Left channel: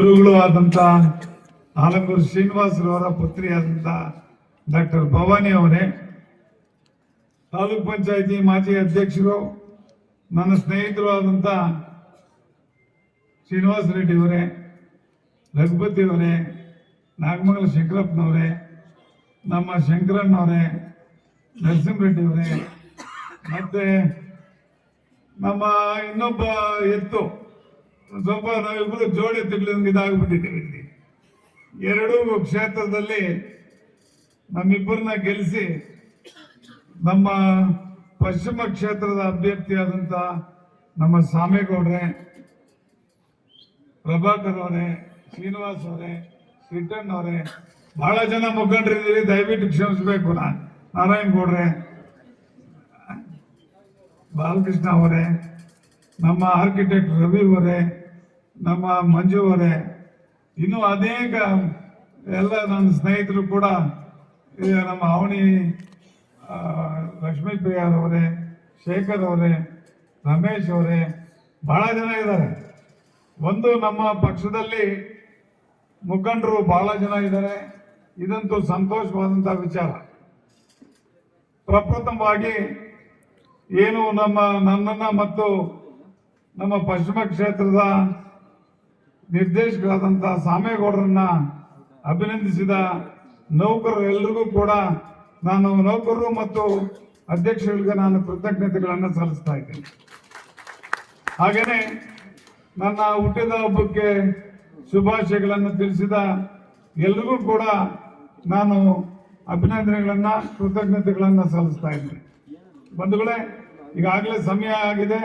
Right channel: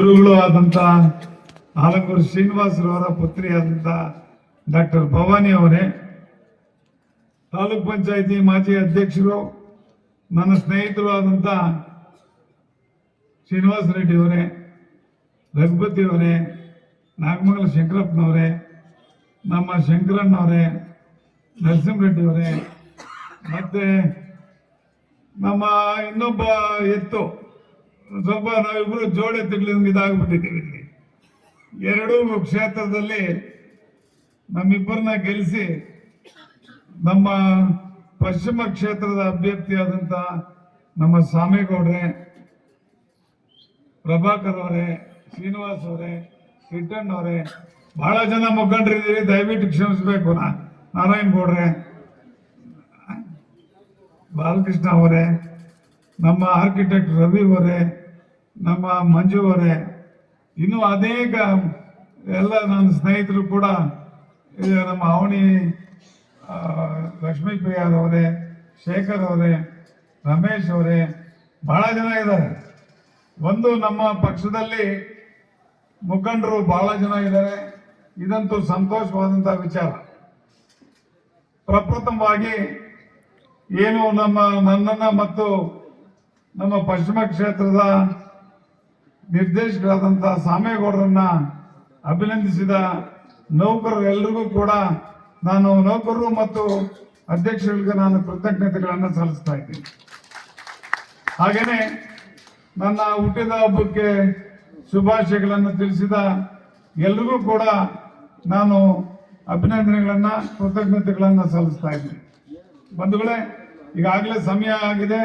ಗುರುಗಳು ಆದಂತ ಆಲಂಗೂರು ಶ್ರೀನಿವಾಸರವರ ಪುತ್ರಿಯಾದಂತ ಡಾಕ್ಟರ್ ಭವಾನಿ ಅವರೇ, ತಾಲೂಕ್ ಪಂಚಾಯತಿ ಮಾಜಿ ಅಧ್ಯಕ್ಷರು, ನನ್ನ ಸ್ನೇಹಿತರು ಆದಂತ ಶ್ರೀನಿವಾಸ ರೆಡ್ಡಿ ಅವರೇ, ರಘುಪತಿ ಅವರೇ, ನಾಗಮಂಗಲ ಶಂಕರಪ್ಪನವರೇ, ನಮ್ಮ ಶಂಕರಣ್ಣವರೇ, ನರಸಿಂಹರೆಡ್ಡಿ ಅವರೇ, ಮತ್ತೆ ನಮ್ಮ ಇನ್ನೊಬ್ಬ ಎತ್ತು ಸ್ವಲ್ಪ ನಾವಿಬ್ರು ಜೋಡಿ ತಿಂಗಳು ಇದಾಗ್ಬಿಟ್ಟಿದ್ದೀವಿ. ಇಲ್ಲಿ ಎರಡೂ ಕ್ಷೇತ್ರದಲ್ಲಿ ನಮ್ಮಿಬ್ಬರನ್ನ ಗೆಲ್ಲಿಸಿ ನಮ್ಮ ಪಶ್ಚಿಮ ಕ್ಷೇತ್ರದ ಅಭ್ಯರ್ಥಿಯಾದಂತ ನಮ್ಮ ಸಾಮೇಗೌಡ್ರೆ, ಪ್ರಭಾಕರ್ ಅವರೇ, ಶ್ರೀನಿವಾಸ್ ಅವರೇ, ರಿಟರ್ನ್ ಅವರೇ, ಬಹಳ ಜನ ಮುಖಂಡರಿದ್ದೀರಿ, ದಯವಿಟ್ಟು ಕ್ಷಮಿಸಬೇಕು. ನಾರಾಯಣ್ ಗೌಡ್ರೆ, ಬಾಲಕೃಷ್ಣ ಅವರೇ, ನಮ್ಮ ಆರ್ಕಿಟೆಕ್ಟ್ ರವಿ ಅವರೇ, ನಮ್ಮ ಮಂಜು ಅವರೇ, ಇನ್ನು ಅನೇಕ ಎಲ್ಲ ನನ್ನ ಸ್ನೇಹಿತರು ಕೂಡ, ನಮ್ಮ ಅವನಿ ಲಕ್ಷ್ಮೀ ಪ್ರಿಯಾರ್ ಅವರೇ, ಶೇಖರ್ ಅವರೇ, ರಮೇಶ್ ಅವರೇ, ಬಹಳ ಜನ ಇದ್ದಾರೆ. ಒಂದು ನಮ್ಮ ಪಕ್ಷದಲ್ಲಿ ಮುಖಂಡರು ಬಹಳ ಜನ ಇದ್ದಾರೆ. ಇದಂತೂ ಸಂತೋಷವಾದಂತಹ ವಿಚಾರ. ಪ್ರಪ್ರಥಮವಾಗಿ ಏನು ನನ್ನನ್ನ ಮತ್ತು ನಮ್ಮ ಪಶ್ಚಿಮ ಕ್ಷೇತ್ರದ ನಿರ್ದೇಶಕರಾದಂತಹ ಸಾಮೇಗೌಡರನ್ನ ಅಭಿನಂದಿಸಿದ ನೌಕರರು ಎಲ್ರಿಗೂ ಕೂಡ ನಾನು ನೌಕರರು ಮತ್ತು ಅಧ್ಯಕ್ಷರಿಗೆ ನಾನು ಕೃತಜ್ಞತೆಗಳನ್ನು ಸಲ್ಲಿಸ್ತಾ ಇದ್ದೀನಿ. ಹಾಗೇನೆ ನನ್ನ ಹುಟ್ಟಿದ ಹಬ್ಬಕ್ಕೆ ಶುಭಾಶಯಗಳನ್ನು ತಿಳಿಸಿದ ಎಲ್ಲರಿಗೂ ಕೂಡ ನಾನು ಅಭಿನಂದನೆಗಳನ್ನ ಕೃತಜ್ಞತೆಗಳನ್ನು ಸಲ್ಲಿಸ್ತಾ ಇದ್ದೀನಿ. ಬಂಧುಗಳೇ, ಈಗಾಗಲೇ ಸಮಯ ಆಗಿದೆ,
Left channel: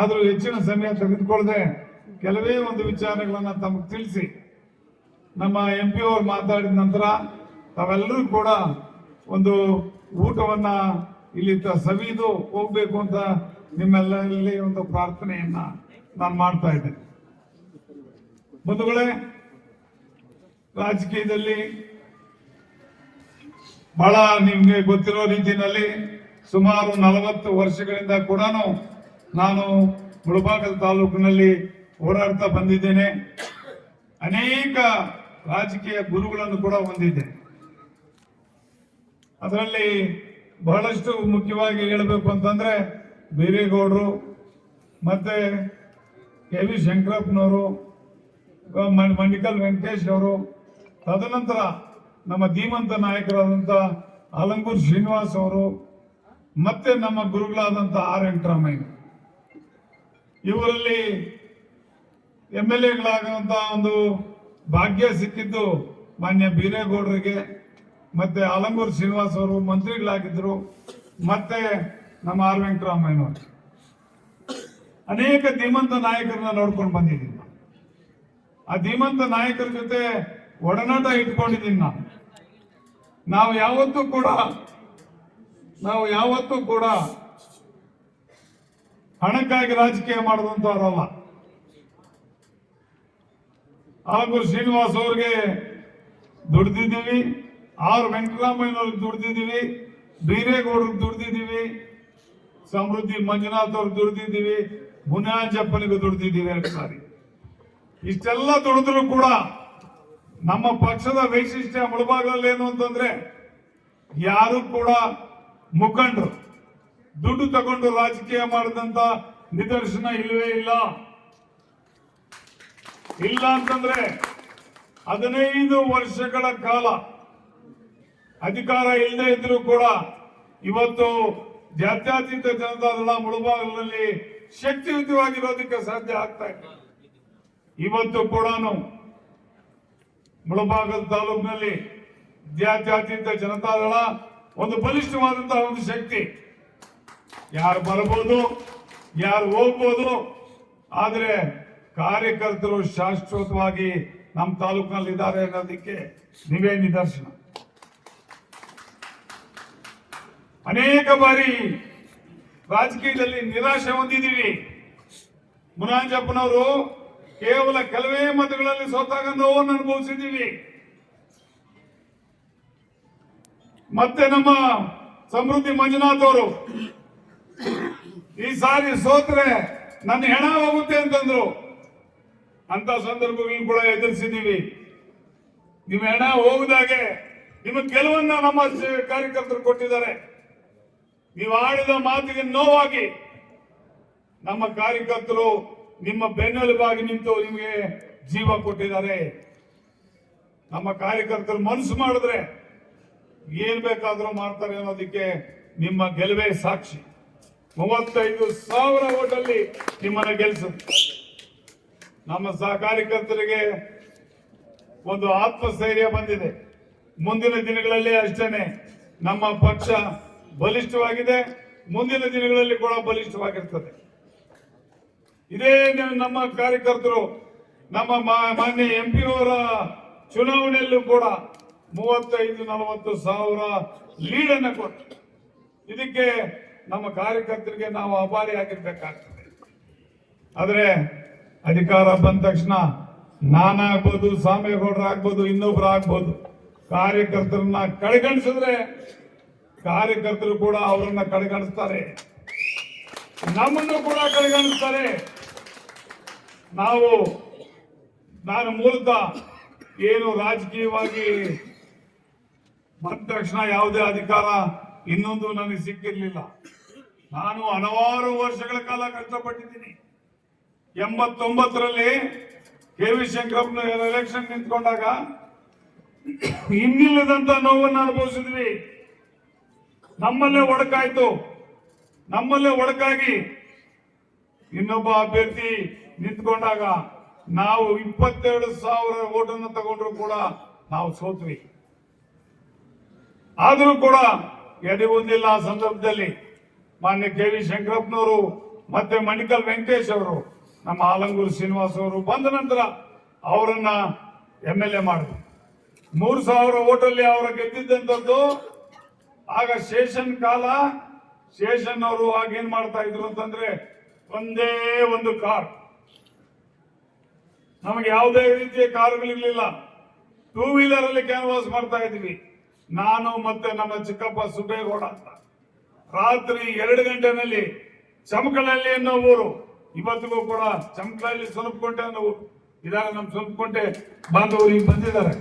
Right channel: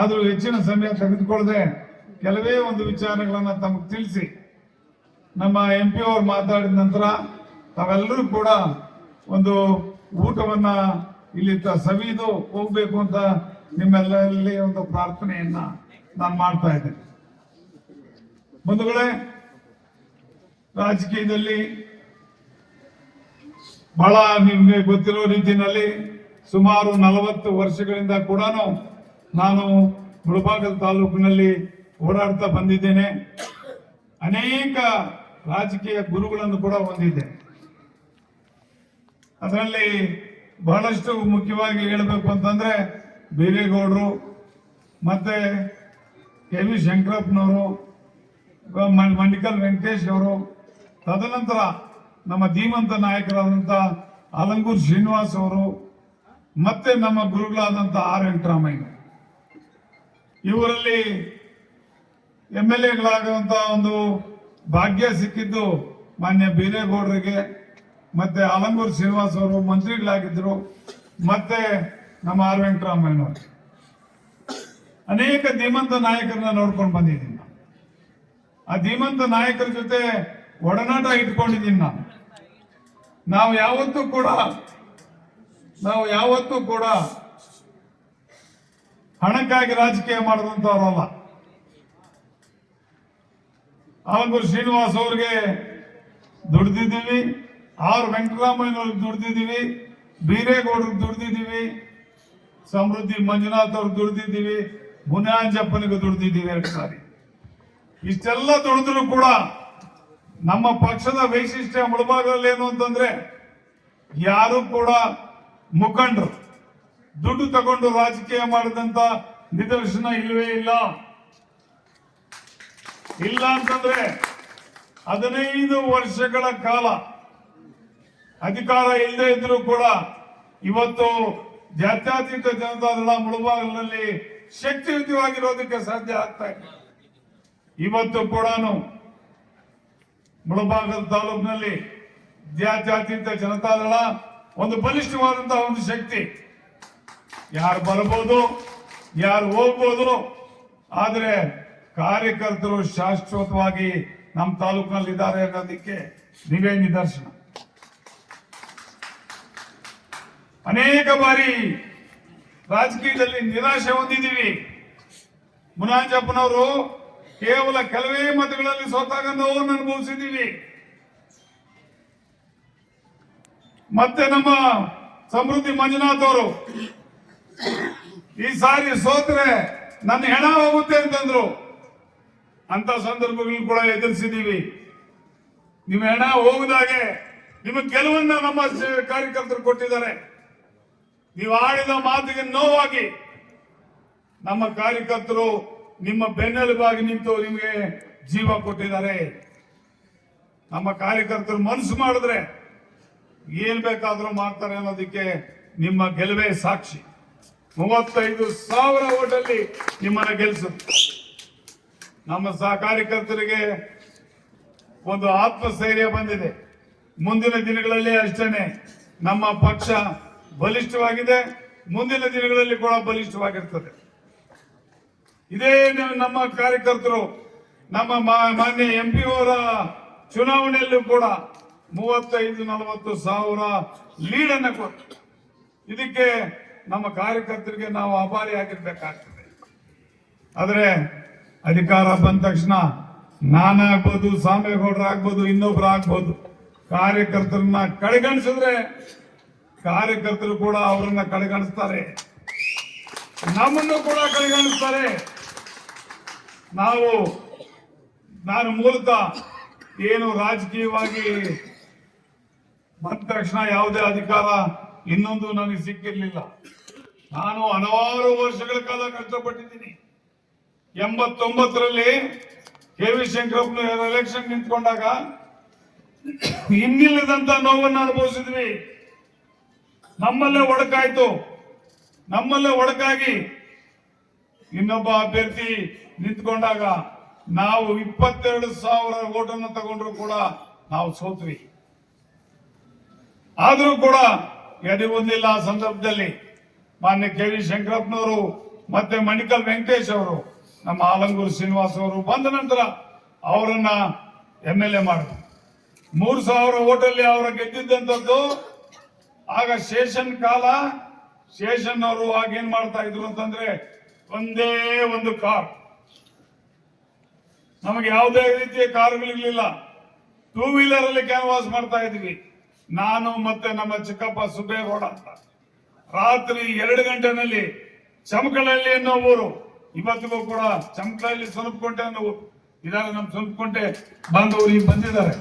ಆದರೂ ಹೆಚ್ಚಿನ ಸಮಯ ತೆಗೆದುಕೊಳ್ಳದೆ ಕೆಲವೇ ಒಂದು ವಿಚಾರಗಳನ್ನ ತಮಗೆ ತಿಳಿಸಿ, ನಮ್ಮ MP ಅವರು ಮಾತಾಡಿದ ನಂತರ ತಾವೆಲ್ಲರೂ ಕೂಡ ಒಂದು ಊಟವನ್ನ ಇಲ್ಲಿ ಸವಿದು ಹೋಗ್ಬೇಕು ಅಂತ ನಿಮ್ಮೆಲ್ಲರಲ್ಲಿ ಒಂದು ಪ್ರಾರ್ಥನೆಯನ್ನ ನಾನು ಮಾಡ್ತಾ ಇದ್ದೇನೆ. ಬಂಧುಗಳೇ, ರಾಜಕೀಯದಲ್ಲಿ ಬಹಳ ನಿಮ್ಗೆ ಗೊತ್ತಿರೋ ರೀತಿಯಲ್ಲಿ ಸುಮಾರು 40 ವರ್ಷಗಳಿಂದ ಕೂಡ ನಾನು ಮುಳಬಾಗಿಲು ತಾಲೂಕಿನಲ್ಲಿ ಓಡಾಡ್ತಾ ಬಂದಿದ್ದೇನೆ. ಅನೇಕ ರಾಜಕೀಯ ಗುರುಗಳನ್ನು ಕೂಡ ಹೊಂದಿದ್ದೇನೆ. ಅದರಲ್ಲಿ ಬಹಳಷ್ಟು ಮುಖ್ಯವಾಗಿ ಹೇಳಬೇಕು ಅಂತಂದ್ರೆ ಬೀರೇಗೌಡರು, ಮತ್ತೆ KV ಶಂಕರಪ್ಪನವರು, ಮಂಡಿಕಲ್ ವೆಂಕಟೇಶ್ ಅವರು, ತದನಂತರ ನಮ್ಮ ಧೀಮಂತ ನಾಯಕರಾದಂತ ಆಲಂಗೂರು ಶ್ರೀನಿವಾಸ್ ಅವರು, ಮತ್ತೆ ನಮ್ಮ ಗುರುಗಳಾದಂತ ಆರ್ ವೆಂಕಟರಾಮಯ್ಯ. ಇವರಲ್ಲಿ MLAಗಳಾಗುವಂತ ಒಂದು ಭಾಗ್ಯ ಸಿಕ್ಕಿದ್ದು ಮಾನ್ಯ ಬೀರೇಗೌಡರಿಗೆ, ಮತ್ತೆ ಆಲಂಗೂರು ಶ್ರೀನಿವಾಸ್ ಅವರು ಮಂತ್ರಿಗಳಾಗಿದ್ರು, ಮತ್ತೆ ನಮ್ಮ ಆರ್ ವೆಂಕಟರಾಮಯ್ಯನವರು. ಅನೇಕ ಧೀಮಂತ ನಾಯಕರನ್ನ ನೋಡ್ಕೊಂಡು ಬಂದಿದ್ದೀನಿ. ಆ ಧೀಮಂತ ನಾಯಕರ ಜೊತೆ ಒಡನಾಟ ಇಟ್ಕೊಂಡಿದ್ದೀನಿ ನಾನು. ನಾವು ಯಾವತ್ತೂ ಕೂಡ ಹಣಕ್ಕಾಗಿ ರಾಜಕೀಯ ಮಾಡಿದಂತವರಲ್ಲ. ಆಲಂಗೂರು ಶ್ರೀನಿವಾಸ್ ಅವ್ರಿಗೆ ದುಡ್ದಿದ್ದೀವಿ, ಆರ್ ವೆಂಕಟರಾಮಯ್ಯನವ್ರಿಗೆ ದುಡ್ದಿದ್ದೀವಿ, ಬೀರೇಗೌಡರಿಗೆ ದುಡ್ದಿದ್ದೀವಿ, ಸಮೃದ್ಧಿ ಮಂಜುನಾಥ್ ಅವ್ರಿಗೆ ದುಡ್ದಿದ್ದೀವಿ, ಮುನಿಯಾಂಜಪ್ಪನಿಗೂ ದುಡ್ದಿದ್ದೀವಿ 2 ಸಾರಿ. ಇಷ್ಟೆಲ್ಲ ದುಡಿದ್ರು ಕೂಡ ನಮ್ಮ ಪಕ್ಷದ ವೈಶಿಷ್ಟ್ಯ ಮುಳಬಾಗಿಲಲ್ಲಿ ಏನು ಅಂತಂದ್ರೆ, ಯಾರು ಕೂಡ ಮುಖಂಡರು ದುಡ್ಡು ತಗೊಂಡು ರಾಜಕೀಯ ಮಾಡಿದಂತ ನಿದರ್ಶನ ಇಲ್ಲವೇ ಇಲ್ಲ. ಇಲ್ಲ ಅಂತಂದ್ರೆ 15 ವರ್ಷಗಳ ಕಾಲ ಅಧಿಕಾರ ಇಲ್ಲದೆ ಇದ್ರೂ ಕೂಡ ಇವತ್ತು ಜಾತ್ಯತೀತ ಜನತಾದಳ ಮುಳಬಾಗಿಲಿನಲ್ಲಿ ಶಕ್ತಿಯುತವಾಗಿರೋದಕ್ಕೆ ಸಾಧ್ಯ ಆಗ್ತಾ ಇದೆ. ಇವತ್ತು ಕೂಡ ಮುಳಬಾಗಿಲು ತಾಲೂಕಿನಲ್ಲಿ ಜಾತ್ಯತೀತ ಜನತಾದಳ ಒಂದು ಬಲಿಷ್ಠವಾದಂತಹ ಒಂದು ಶಕ್ತಿ. ಯಾರು ಬರಬಹುದು, ಯಾರು ಹೋಗ್ಬೋದು, ಆದ್ರೆ ಕಾರ್ಯಕರ್ತರು ಶಾಶ್ವತವಾಗಿ ನಮ್ಮ ತಾಲೂಕಿನಲ್ಲಿ ಇದ್ದಾರೆ ಅನ್ನೋದಕ್ಕೆ ನೀವೇ ನಿದರ್ಶನ. ಅನೇಕ ಬಾರಿ ರಾಜಕೀಯದಲ್ಲಿ ನಿರಾಶೆ ಹೊಂದಿದ್ದೀವಿ. ಮುನಿಯಾಂಜಪ್ಪನವರು ಕೇವಲ ಕೆಲವೇ ಮತಗಳಲ್ಲಿ ಸೋತಾಗ ನೋವನ್ನು ಅನುಭವಿಸಿದ್ದೀವಿ. ಮತ್ತೆ ನಮ್ಮ ಸಮೃದ್ಧಿ ಮಂಜುನಾಥ್ ಅವರು ಈ ಸಾರಿ ಸೋತ್ರೆ ನನ್ನ ಹೆಣ ಹೋಗುತ್ತೆ ಅಂತಂದ್ರು. ಅಂತ ಸಂದರ್ಭಗಳನ್ನು ಕೂಡ ಎದುರಿಸಿದೀವಿ. ನಿಮ್ಮ ಹೆಣ ಹೋಗದಾಗೆ ನಿಮಗೆ ಕೆಲವನ್ನ ನಮ್ಮ ಕಾರ್ಯಕರ್ತರು ಕೊಟ್ಟಿದ್ದಾರೆ. ನೀವು ಆಡಿದ ಮಾತಿಗೆ ನೋವಾಗಿ ನಮ್ಮ ಕಾರ್ಯಕರ್ತರು ನಿಮ್ಮ ಬೆನ್ನೆಲುಬಾಗಿ ನಿಂತು ನಿಮಗೆ ಜೀವ ಕೊಟ್ಟಿದ್ದಾರೆ. ನಮ್ಮ ಕಾರ್ಯಕರ್ತರು ಮನಸ್ಸು ಮಾಡಿದ್ರೆ ಏನ್ ಬೇಕಾದ್ರೂ ಮಾಡ್ತಾರೆ ಅನ್ನೋದಕ್ಕೆ ನಿಮ್ಮ ಗೆಲುವೇ ಸಾಕ್ಷಿ. 35,000 ಓಟಲ್ಲಿ ನಿಮ್ಮನ್ನ ಗೆಲ್ಲಿಸುತ್ತೆ. ನಮ್ಮ ಕಾರ್ಯಕರ್ತರಿಗೆ ಒಂದು ಆತ್ಮಸ್ಥೈರ್ಯ ಬಂದಿದೆ. ಮುಂದಿನ ದಿನಗಳಲ್ಲಿ ಅಷ್ಟೇನೆ ನಮ್ಮ ಪಕ್ಷ ಬಲಿಷ್ಠವಾಗಿದೆ. ಮುಂದಿನ ದಿನಗಳಲ್ಲಿ ಕೂಡ ಬಲಿಷ್ಠವಾಗಿರ್ತದೆ. ಇದೇ ನಮ್ಮ ಕಾರ್ಯಕರ್ತರು ನಮ್ಮ ಮಾನ್ಯ MP ಅವರ ಚುನಾವಣೆಯಲ್ಲೂ ಕೂಡ 35-40 ಸಾವಿರ ಲೀಡನ್ನು ಕೊಟ್ಟು ಇದಕ್ಕೆ ನಮ್ಮ ಕಾರ್ಯಕರ್ತರಿಗೆ ನಾವು ಆಭಾರಿಯಾಗಿರ್ಬೇಕಾಗ್ತದೆ. ಆದ್ರೆ ಅಧಿಕಾರ ಬಂದ ತಕ್ಷಣ ನಾನಾಗ್ಬೋದು, ಸಾಮೇಗೌಡರು ಆಗ್ಬೋದು, ಇನ್ನೊಬ್ರು ಆಗ್ಬೋದು, ಕಾರ್ಯಕರ್ತರನ್ನ ಕಡೆಗಣಿಸಿದ್ರೆ ಕಾರ್ಯಕರ್ತರು ಕೂಡ ಅವರನ್ನ ಕಡೆಗಣಿಸ್ತಾರೆ, ನಮ್ಮನ್ನು ಕೂಡ ಕಡೆಗಣಿಸ್ತಾರೆ. ನಾನು ಮೂಲತಃ ಏನು ರಾಜಕೀಯವಾಗಿ ಬಂದ ತಕ್ಷಣ ಯಾವುದೇ ಅಧಿಕಾರ ಇನ್ನೊಂದು ನನಗೆ ಸಿಕ್ಕಿರ್ಲಿಲ್ಲ. ನಾನು ಹಲವಾರು ವರ್ಷಗಳ ಕಾಲ ಕಷ್ಟಪಟ್ಟಿದ್ದೀನಿ. 89ರಲ್ಲಿ KV ಶಂಕರಪ್ಪನವರು ಎಲೆಕ್ಷನ್ ನಿಂತ್ಕೊಂಡಾಗ ಇನ್ನಿಲ್ಲದಂತ ನೋವನ್ನು ಅನುಭವಿಸಿದ್ವಿ. ನಮ್ಮಲ್ಲೇ ಒಡಕಾಗಿ ಇನ್ನೊಬ್ಬ ಅಭ್ಯರ್ಥಿ ನಿಂತ್ಕೊಂಡಾಗ ನಾವು 22,000 ಓಟನ್ನು ತಗೊಂಡ್ರು ಕೂಡ ನಾವು ಸೋತ್ವಿ. ಆದರೂ ಕೂಡ ಎದೆ ಹೊಂದಿಲ್ಲ. ಆ ಸಂದರ್ಭದಲ್ಲಿ ಮಾನ್ಯ KV ಶಂಕರಪ್ಪನವರು ಮತ್ತೆ ಮಣಿಕಲ್ ವೆಂಕಟೇಶ್ ಅವರು, ನಮ್ಮ ಆಲಂಗೂರು ಶ್ರೀನಿವಾಸ್ ಅವರು ಬಂದ ನಂತರ ಅವರನ್ನ MLA ಮಾಡಿದ್ರು. 3,000 ಓಟಲ್ಲಿ ಅವರ ಗೆದ್ದಿದ್ದಂಥದ್ದು. ಆಗ ಶೇಷನ್ ಅವರು ಆಗ ಏನ್ ಮಾಡ್ತಾ ಇದ್ರು ಅಂತಂದ್ರೆ ಒಂದೇ ಒಂದು ಕಾರ್, ನಮಗೆ ಯಾವುದೇ ರೀತಿಯ ಕಾರುಗಳಿರ್ಲಿಲ್ಲ. 2 ವೀಲರ್ ಅಲ್ಲಿ ಕ್ಯಾನ್ವಾಸ್ ಮಾಡ್ತಾ ಇದ್ವಿ. ನಾನು ಮತ್ತೆ ನಮ್ಮ ಚಿಕ್ಕಪ್ಪ ಸುಬ್ಬೇಗೌಡ ಅಂತ ರಾತ್ರಿ 2 ಗಂಟೆನಲ್ಲಿ ಚಮಕಳಹಳ್ಳಿ ಅನ್ನೋ ಊರು, ಇವತ್ತಿಗೂ ಕೂಡ ಚಮಕಳಹಳ್ಳಿ ಸ್ವಲ್ಪಕೊಂಟೆ ಅನ್ನೋ ಊರು ಇದಾಗ ನಮ್ಮ ಸ್ವಲ್ಪಕೊಂಟೆ ಬಾಂಧವರು ಈಗ ಬಂದಿದ್ದಾರೆ.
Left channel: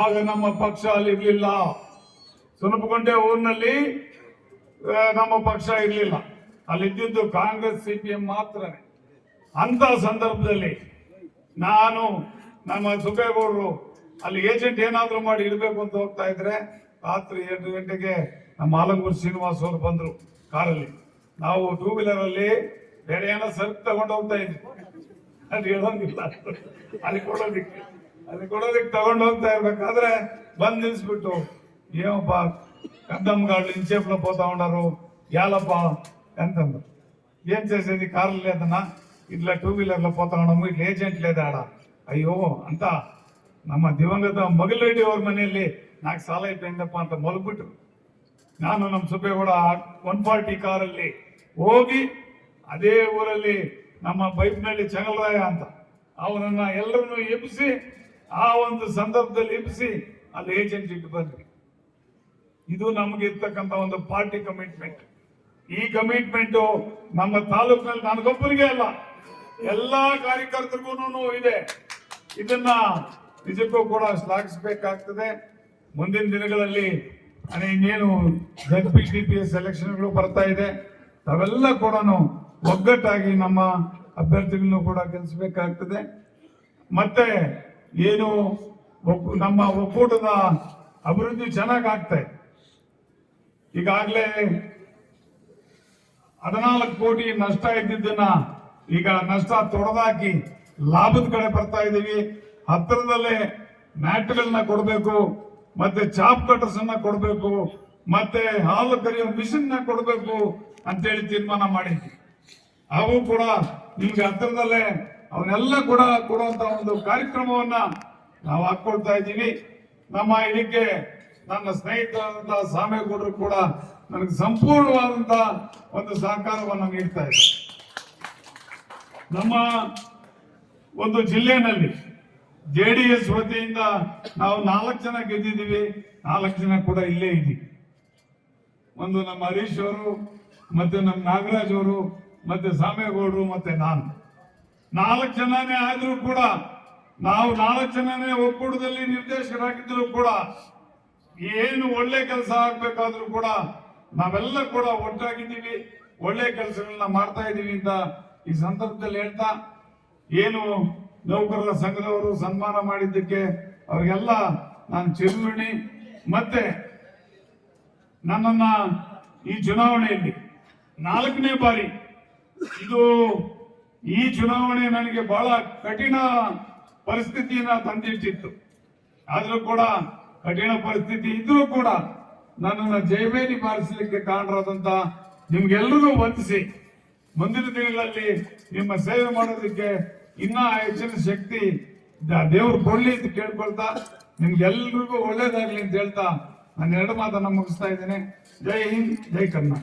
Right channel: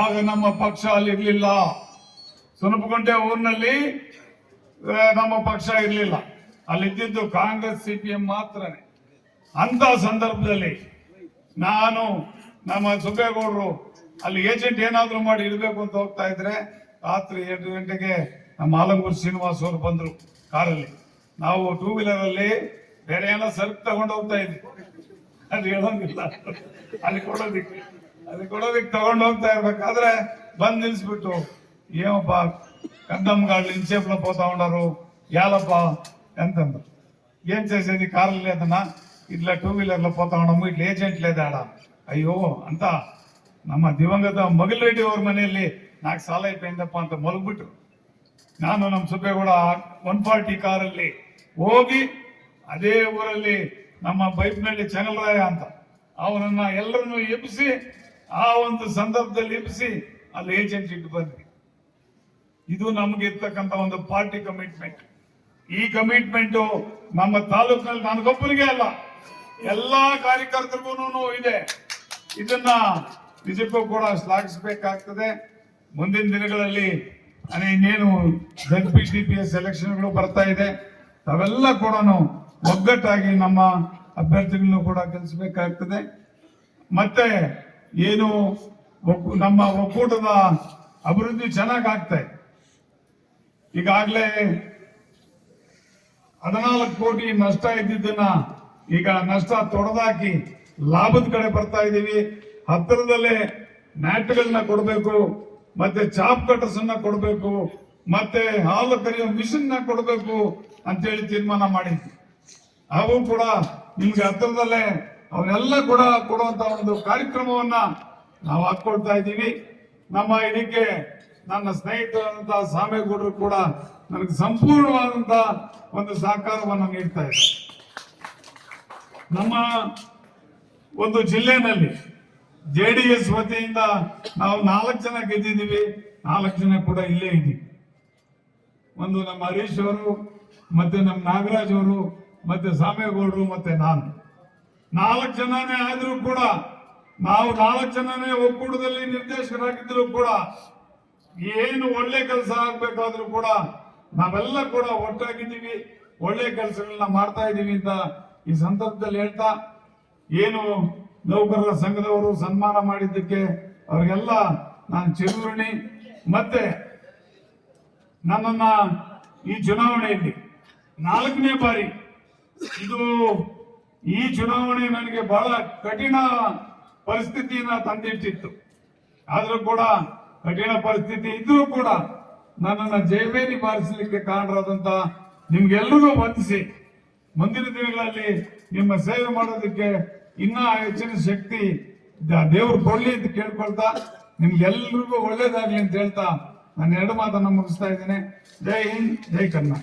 ಆಗ ನಮ್ಮ ಪಕ್ಷ ಅಲ್ಲಿ ಇರ್ಲಿಲ್ಲ. ಸ್ವಲ್ಪಕೊಂಟೆ ಊರಿನಲ್ಲಿ ನಮ್ಮ ಪಕ್ಷ ಇರ್ಲಿಲ್ಲ. ಅಲ್ಲಿ ಇದ್ದಿದ್ದು ಕಾಂಗ್ರೆಸ್ CPM ಮಾತ್ರನೇ. ಅಂತ ಸಂದರ್ಭದಲ್ಲಿ ನಾನು ನಮ್ಮ ಸುಬ್ಬೇಗೌಡರು ಅಲ್ಲಿ ಏಜೆಂಟ್ ಏನಾದ್ರು ಮಾಡಿ ಇಡಬೇಕು ಅಂತ ಹೋಗ್ತಾ ಇದ್ರೆ ರಾತ್ರಿ 2 ಗಂಟೆಗೆ ನಮ್ಮ ಆಲಂಗೂರು ಶ್ರೀನಿವಾಸ್ ಅವರು ಬಂದ್ರು ಕಾರಲ್ಲಿ. ನಾವು 2 ವೀಲರ್ ಅಲ್ಲಿ ಬೇರೆ ಏನೋ ಸರಕು ತಗೊಂಡು ಹೋಗ್ತಾ ಇದ್ವಿ. ಅಲ್ಲಿ ಹೇಳೋದಿಲ್ಲ, ಅಲ್ಲಿ ಕೊಡೋದಿಕ್ಕೆ ತಗೊಂಡು ಹೋಗ್ತಾ ಇರ್ಬೇಕಾದ್ರೆ ಬಂದ್ ನಿಲ್ಸ್ಬಿಟ್ಟು, ಏನಪ್ಪ ಕಂದಮ್ಗಾಡ್ ಇಂಚೇಪ್ನ పోతా ఉన్నారు యాలప్ప ಅಂತಂದ್ರು. ఏం చేసేది కార్లు లేదన్నా, ఇట్లా 2 వీలర్లో పోతా ఉన్నాము, ఇట్లా ఏಜೆಂಟ್ లేదాಡ. ಅಯ್ಯೋ ಅಂತ ನಮ್ಮ ದಿವಂಗತ ಮಗಲರೆಡ್ಡಿ ಅವ್ರ ಮನೆಯಲ್ಲಿ 4 ಸಾಲ ಇಟ್ಟಪ್ಪ ಅಂತ ಮಲಗ್ಬಿಟ್ರು. ನಾನು ನಮ್ಮ ಸುಬ್ಬೇಗೌಡ 140 ಕಾರಲ್ಲಿ ಹೋಗಿ ಅದೇ ಊರಲ್ಲಿ ನಮ್ಮ ಬೈಪ್ನಲ್ಲಿ ಚಂಗಲರಾಯ ಅಂತ ಅವನನ್ನ ಎಲ್ಲರನ್ನು ಎಬ್ಬಿಸಿ, ಆ ಒಂದು ಸಂದರ್ಭದಲ್ಲಿ ಎಬ್ಬಿಸಿ ಅಲ್ಲಿ ಏಜೆಂಟ್ ಇಟ್ಟು ಬಂದ್ವಿ. ಇದು ನಮ್ಗೆ ಇರ್ತಕ್ಕಂಥ ಒಂದು ಪಾರ್ಟಿ ಕಮಿಟ್ಮೆಂಟ್. ಈ ಕಮಿಟ್ಮೆಂಟ್ ನಮ್ಮ ತಾಲೂಕಿನಲ್ಲಿ ನನಗೊಬ್ಬರಿಗೆ ಅಲ್ಲ, ಎಲ್ಲಾ ಕಾರ್ಯಕರ್ತರಿಗೂ ಇದೆ. ಇದನ್ನ ನಿಜಕ್ಕೂ ಕೂಡ ಶ್ಲಾಘಿಸಬೇಕಾಗ್ತದೆ. ಮುಂದಿನ ದಿನಗಳಲ್ಲಿ ಇನ್ನೇನು ZPTPS ಎಲೆಕ್ಷನ್ಗಳು ಬರ್ತಾ ಇದೆ, ಅವೆಲ್ಲ ಕೂಡ ಒಗ್ಗಟ್ಟಾಗಿ ನಮ್ಮ ಅಭ್ಯರ್ಥಿಗಳನ್ನು ಕೂಡ ಗೆಲ್ಲಿಸಬೇಕಾಗ್ತದೆ. ಮತ್ತೆ ಏನು ನಮ್ಮ ಒಕ್ಕೂಟದ ಅಭಿವೃದ್ಧಿ ಚೆನ್ನಾಗಿ ಆಗ್ತಾ ಇದೆ. ಈಗಾಗಲೇ 14 ಕೋಟಿ ನಷ್ಟ ಇದ್ದಿದ್ದನ್ನ ಈಗ ನಷ್ಟ ತೊಡೆದಾಕಿ ಲಾಭದ ಕಡೆ ಬರ್ತಾ ಇದೀವಿ. ಹತ್ತಿರದಲ್ಲೇ ಮ್ಯಾಟ್ಗಳನ್ನ ಕೊಡಬೇಕು, ಮತ್ತೆ ಚಾಪ್ ಕಟರ್ಸ್ ಅನ್ನ ಕೊಡಬೇಕು, ಮತ್ತೆ ಹಾಲು ಕರೆಯೋ ಮಿಷಿನ್ ನ ಕೊಡಬೇಕು ಅಂತೇಳಿ ತೀರ್ಮಾನ ಮಾಡಿದ್ವಿ. ಅವು ಕೂಡ ಈಗ ಹತ್ತಿರದಲ್ಲೇ ಅವನ್ನೆಲ್ಲ ಕೂಡ ಕೊಡುವಂತ ಒಂದು ಕಾರ್ಯಕ್ರಮವನ್ನ ನಾವು ಹಾಕೊಳ್ತಾ ಇದ್ದೀವಿ. ನಮ್ಮ ಇದಕ್ಕೆ ನನ್ನ ಸ್ನೇಹಿತರಾದಂತಹ ಸಾಮೇಗೌಡರು ಕೂಡ ನನಗೆ ಸಂಪೂರ್ಣವಾದಂತ ಒಂದು ಸಹಕಾರವನ್ನು ನೀಡ್ತಾ ಇದೆ. ನಮ್ಮ ಒಂದು ಜಿಲ್ಲೆನಲ್ಲಿ JDS ವತಿಯಿಂದ ನಾವು 4 ಜನ ಗೆದ್ದಿದ್ದೀವಿ. 4 ಜನ ಕೂಡ ಇಲ್ಲೇ ಇದ್ದೀವಿ. ಒಂದು ನಮ್ಮ ಹರೀಶ್ ಅವರು, ಮತ್ತೆ ನಮ್ಮ ನಾಗರಾಜ್ ಅವರು, ಮತ್ತೆ ಸಾಮೇಗೌಡರು, ಮತ್ತೆ ನಾನು 4 ಜನನೇ ಆದ್ರೂ ಕೂಡ, ನಾವು 4 ಜನನೇ ಒಕ್ಕೂಟದಲ್ಲಿ ನಿರ್ದೇಶಕರಾಗಿದ್ರು ಕೂಡ, ಏನು ಒಳ್ಳೆ ಕೆಲಸ ಆಗ್ಬೇಕಾದ್ರೂ ಕೂಡ ನಾವೆಲ್ಲ ಕೂಡ ಒಟ್ಟಾಗಿದ್ದೀವಿ, ಒಳ್ಳೆ ಕೆಲಸಗಳನ್ನ ಮಾಡ್ತಾ ಇದ್ದೀವಿ ಅಂತ ಈ ಸಂದರ್ಭದಲ್ಲಿ ಹೇಳ್ತಾ, ಏನು ನೌಕರರ ಸಂಘದವರು ಸನ್ಮಾನ ಮಾಡಿದ್ದಕ್ಕೆ ಅವರಿಗೆಲ್ಲ ನಾನು ಚಿರುಣಿ. ಮತ್ತೆ ನನ್ನನ್ನ ಈ ಚುನಾವಣೆಯಲ್ಲಿ 4ನೇ ಬಾರಿ, ಇದು ಈ ಚುನಾವಣೆ ನನಗೆ ಬಹಳ ಕಠಿಣ ಪರಿಸ್ಥಿತಿಯನ್ನ ತಂದಿಟ್ಟಿತ್ತು. ಆದ್ರೂ ಕೂಡ ಕಠಿಣ ಪರಿಸ್ಥಿತಿ ಇದ್ರೂ ಕೂಡ ನನ್ನನ್ನು ಜಯಬೇರಿ ಬಾರಿಸಲಿಕ್ಕೆ ಕಾರಣರಾದಂತ ನಿಮ್ಗೆಲ್ಲರಿಗೂ ವಂದಿಸಿ, ಮುಂದಿನ ದಿನಗಳಲ್ಲಿ ನಿಮ್ಮ ಸೇವೆ ಮಾಡೋದಕ್ಕೆ ಇನ್ನ ಹೆಚ್ಚಿನ ಶಕ್ತಿ ದೇವರು ಕೊಡ್ಲಿ ಅಂತ ಕೇಳ್ಕೊಳ್ತಾ, ನಿಮ್ಗೆಲ್ರಿಗೂ ಒಳ್ಳೇದಾಗ್ಲಿ ಅಂತ ಹೇಳ್ತಾ ನಾನು 2 ಮಾತನ್ನ ಮುಗಿಸ್ತಾ ಇದ್ದೇನೆ. ಜೈ ಹಿಂದ್, ಜೈ ಕರ್ನಾಟಕ.